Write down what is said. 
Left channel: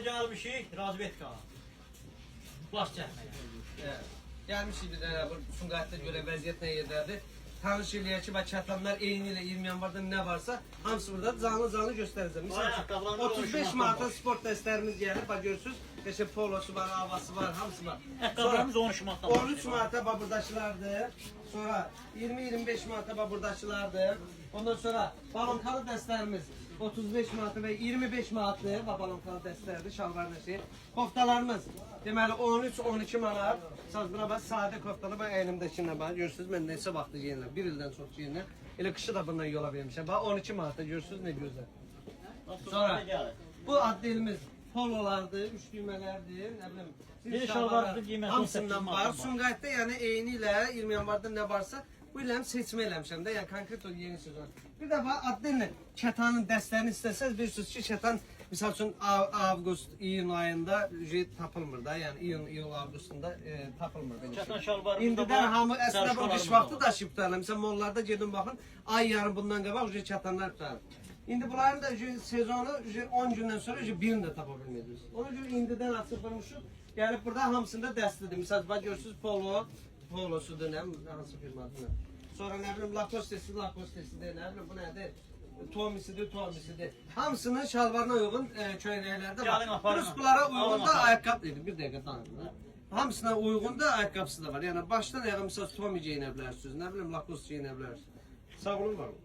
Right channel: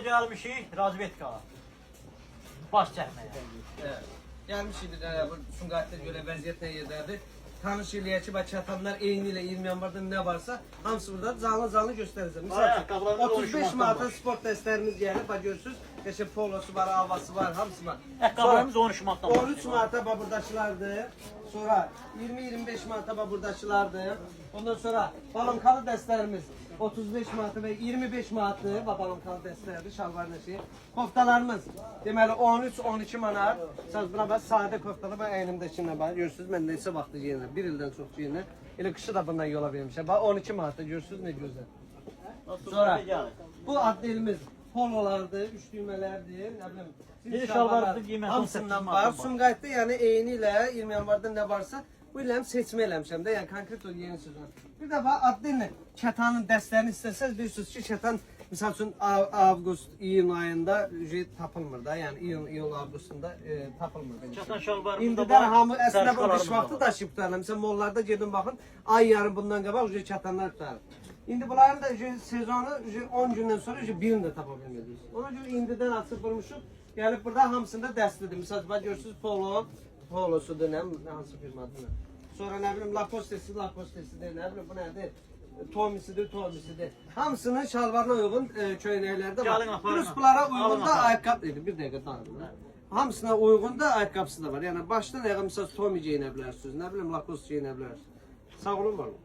Gelmişik razvedka. Baş çəkməyə. Evet. Gelmişik bir tane bu Sumqayıtda göre vəziyyət nə yerdədir. Tanış eləyək ki, çatanlar eyni ilə 20 yanvarda ne varsa hamısı burada canlı göstərəcəm. Ayaqqabılarımız 35 manata sport dəstlərimiz gəlib, bax görürsüz. Qəşəng polosu var, havası var, hamısı var. Ayaqqabılarımız 13 manatdan başlayır. 13 manata bax buradakılardır. Sonra 20-25 manata bax buradakılardır. Ondan sonra balonkalı dəstlərimiz 35 manatı ve 25 manatlı balonkalı dəstlərdir, şalvar nəşi. Koftalarımız deməli 13-12 manat. Siz buna bax, sadə koftalı bax əynimdəkinə bax. Görürsüz mən neçə vaxtı geyinirəm. Bir ildən çox geyinirəm. Elə qışı da bundan yola vermişəm. Bax 12 manatda görürsüz nə gözəl. Sonra bu addelimiz pololardır, üç düymələrdir, nə bilim. Bir şalvardır qiymət hamısından var. Sumqayıtda yəni eyni ilə 20 yanvarda nə varsa bu ilə seçmə eləmişəm də, yəni konkret o yeni sezon. Bir də bax addellə kətanın dəstlərini istəsəz bilirsiniz ki, kətan misal üçün avqust, iyun ayında tapılmır da, yəni iyun avqustunda tapılmır. Kətan şalvarımız da İndidən var. hamı əslində bu qış Sərşqalarımız da vaxtı var. daşıyıb tutarlar. Məsələn mollarda gedin baxın, ay yarım bundan qabaq kətanlar tutarlar. İndi bunların da sezonu 10 gündən sonra birini də tapa bilmədiniz. Ona görə indidən açıb vurmuşuq. Gəlib burada hamısında dəstlidir. Məsələn bax görürsüz polosudur, nə hansı firmadır. Sonra nə bilim Lacoste'sidir, nə bilim bu nədir? Tomisidir. Hamısının şalvarına uyğun köynəklərdə var. Plus bunlara uyğun da ayaqqabı idi. Bir dəqiqə dayanın. Hamısına uyğun da ayaqqabısı da var. Yəni başdan ayağa məsəl Tommy geyinə bilərsiniz, nə bilim Lacoste geyinə bilərsiniz. Sağ olun, var olun.